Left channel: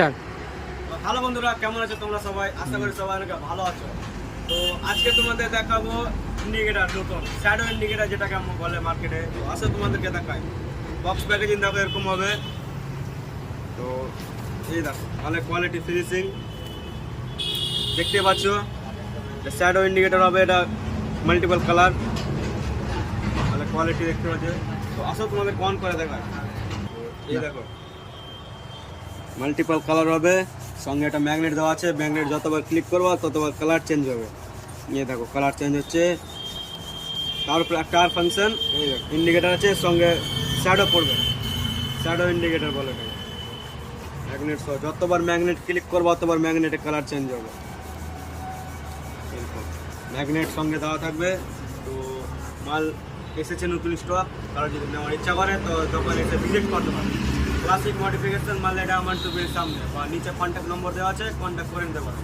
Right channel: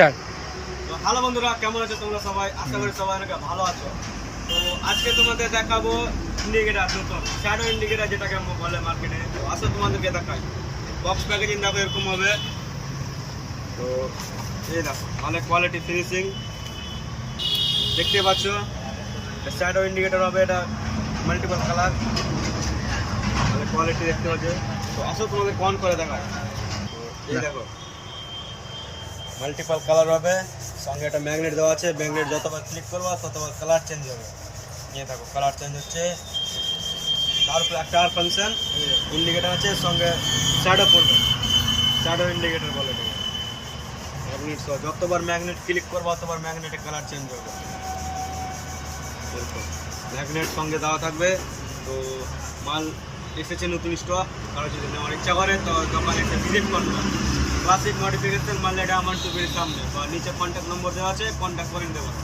Start. Hello বন্ধুরা, কেমন আছো তোমরা সবাই? আশা করি সবাই অনেক ভালো আছো। তো আজকে তোমাদের দেখাবো ইন্ডিকেটার, নতুন শ্যাডো ইন্ডিকেটার, যেটাকে আমরা বলে মার্কেটে। আসলে তোমাদেরকে দেখাই, বক্স প্যাকেজিং দেখো এরকম হবে। তো এই দেখো, মানে কোয়ালিটি ফিনিশিং দেখতে পাচ্ছ। শ্যাডো ইন্ডিকেটার হবে, এটা মাল্টিপল কালার, মানে কোয়ালিটি দেখতে পাচ্ছ। তো আসলে তোমাদের অন করে দেখায়। তো এই দেখো, মাল্টিপল কালার হবে, সঙ্গে একটা ম্যাগনেট দেওয়া আছে। ম্যাগনেট যতবার ক্লিক করবো ততবার কালার চেঞ্জ হবে। নিয়ে দেখো কালার চেঞ্জ হচ্ছে। টার ফাংশন ইন্ডিকেটার আছে, সঙ্গে শ্যাডো পড়বে, শ্যাডো ইন্ডিকেটার বলে দেবো। ম্যাগনেট সহ যতবার ম্যাগনেট ক্লিক করবো ততবার ম্যাগনেটের কালার চেঞ্জ হবে। ম্যাগনেট সঙ্গে দেওয়া থাকবে। তো মাল এসেছে নতুন স্টক, আর যদি নেওয়ার ইচ্ছা করে তো দোকানে এসে ভিজিট করতে পারবে। ক্লাসিক মডিফিকেশন মাল, এটা আমার টুপির সামনে, আর নিচে কন্ট্যাক্ট নম্বর দেওয়া আছে, কন্ট্যাক্ট করে নিতে পারবে।